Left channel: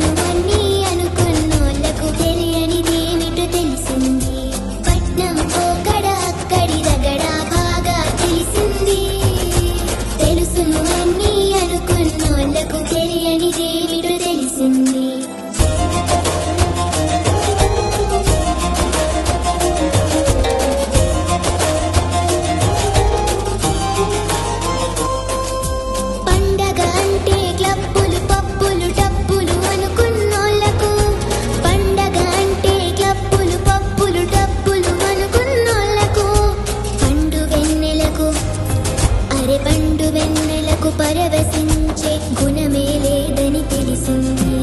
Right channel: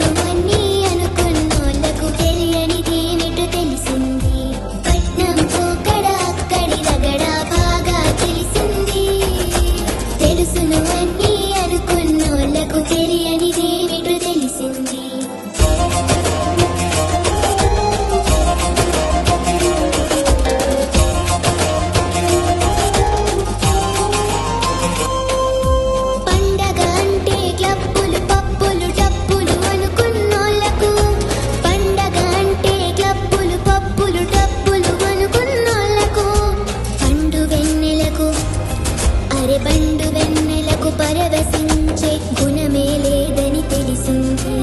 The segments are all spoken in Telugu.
తెలుసును అన్నీ అనుకున్నోళ్లకు తెలియనిదేమిటో తెలిసింది. పట్నం పోకడ అక్కడి రగడ బాగా తెలిసింది. తెలుసును అన్నీ అనుకున్నోళ్లకు తెలియనిదేమిటో తెలిసింది. పండగ అంటే క్లబ్బులు పబ్బులు డబ్బులు అనుకున్నోళ్లకు, పండగ అంటే క్లబ్బులు పబ్బులు డబ్బులు అనుకున్నోళ్లకు, పండు వెన్నెలకు పండు వెన్నెలకు పరవశించే గుణమే లేదని తెలిసింది.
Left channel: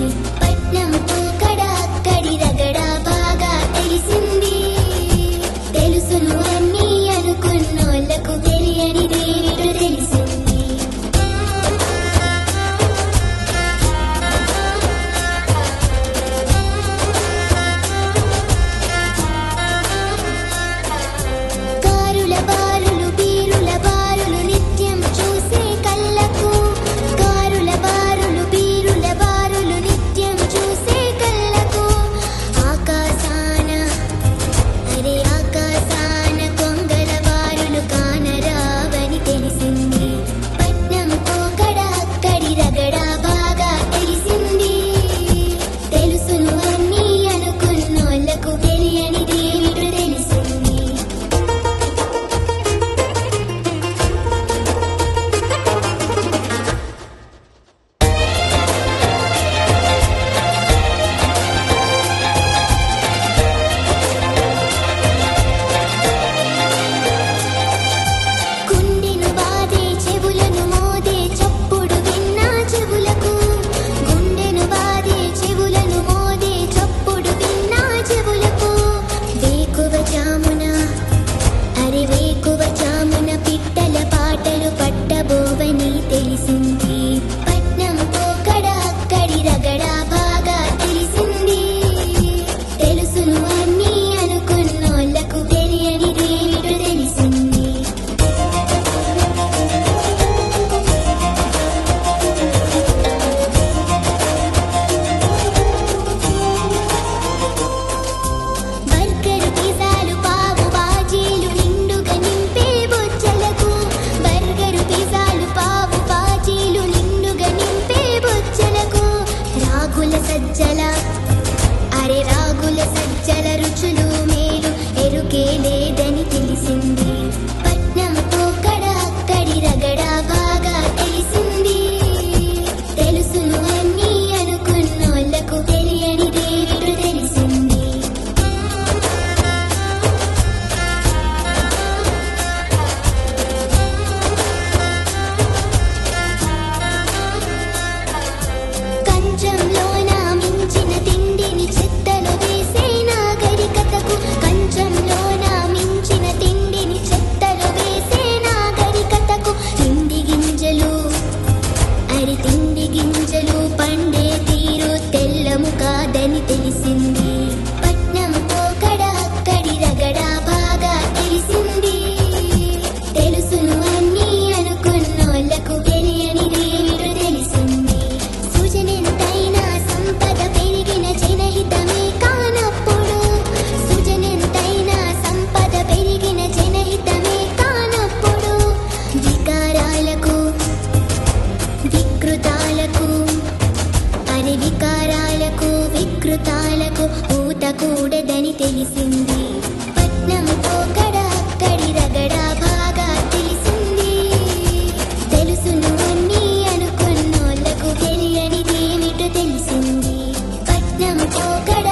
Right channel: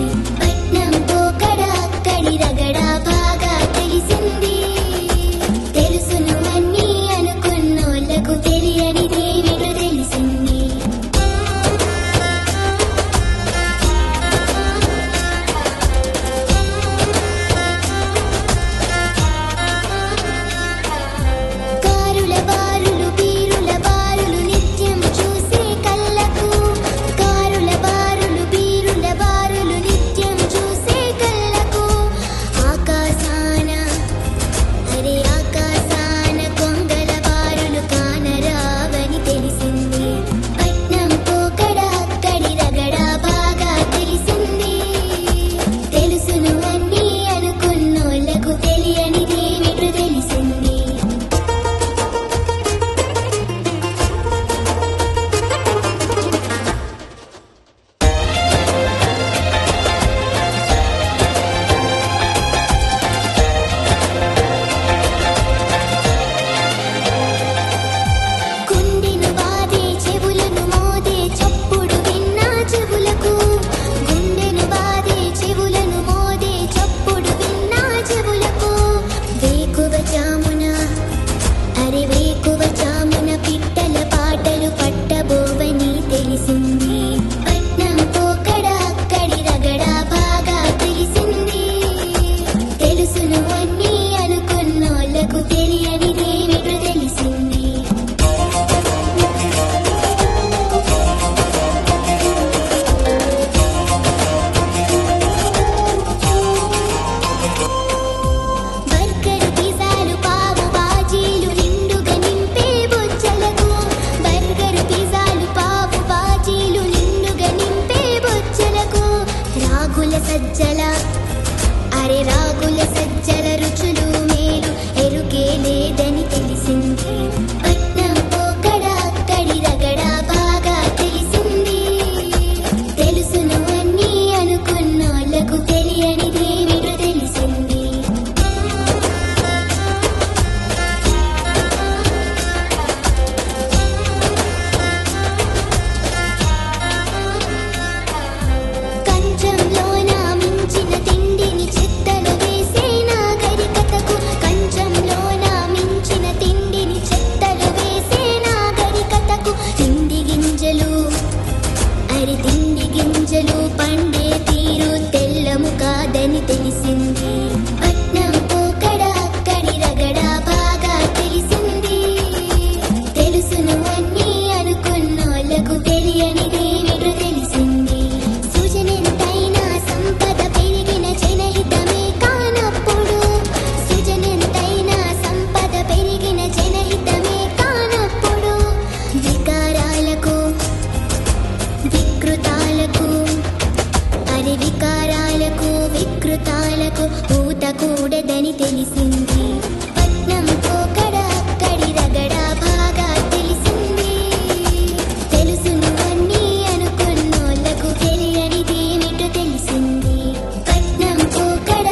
పట్నం పోకడ అక్కడి రగడ బాగా తెలిసింది. తెలుసును అన్నీ అనుకున్నోళ్లకు తెలియనిదేమిటో తెలిసింది. కారుల బారులు బీరుల బారులు నిత్యం చూసే కళ్ళకు, కారుల బారులు బీరుల బారులు నిత్యం చూసే కళ్ళకు, ఆకాశాన ఆకాశాన కొంగల బారులు కానరావని తెలిసింది. పట్నం పోకడ అక్కడి రగడ బాగా తెలిసింది. తెలుసును అన్నీ అనుకున్నోళ్లకు తెలియనిదేమిటో తెలిసింది. గుండెను బాదే చెవులను మోదే చప్పుడు విన్నా చెవులకు, గుండెను బాదే చెవులను మోదే చప్పుడు విన్నా చెవులకు, వేకువ చామున వేకువ చామున పిట్టల పాటలు పట్టబోవని తెలిసింది. పట్నం పోకడ అక్కడి రగడ బాగా తెలిసింది. తెలుసును అన్నీ అనుకున్నోళ్లకు తెలియనిదేమిటో తెలిసింది. బర్గరు పిజ్జాలు పావు బాజీలు నిండుగా నింపే బొచ్చలకు, బర్గరు పిజ్జాలు పావు బాజీలు నిండుగా నింపే బొచ్చలకు, రాగుల సజ్జల రాగుల సజ్జల రుచులు మేలు ఎరుకే లేదని తెలిసింది. పట్నం పోకడ అక్కడి రగడ బాగా తెలిసింది. తెలుసును అన్నీ అనుకున్నోళ్లకు తెలియనిదేమిటో తెలిసింది. కంచంలోన మించిన తిండిని చెత్తలో వేసే నాగరికతకు, కంచంలోన మించిన తిండిని చెత్తలో వేసే నాగరికతకు, తిండి గింజలు తిండి గింజలు పండే తీరు తెల్లము కాదని తెలిసింది. పట్నం పోకడ అక్కడి రగడ బాగా తెలిసింది. తెలుసును అన్నీ అనుకున్నోళ్లకు తెలియనిదేమిటో తెలిసింది. సృజనెంతైనా సంపద పెరిగిన జనహితమే కానప్పుడు, సృజనెంతైనా సంపద పెరిగిన జనహితమే కానప్పుడు, వికారాలకు వికృతాలకు వికృతాలకు ఊతకూడదని తెలిసింది. పట్నం పోకడ అక్కడి రగడ బాగా తెలిసింది. తెలుసును అన్నీ అనుకున్నోళ్లకు తెలియనిదేమిటో తెలిసింది. పట్నం పోకడ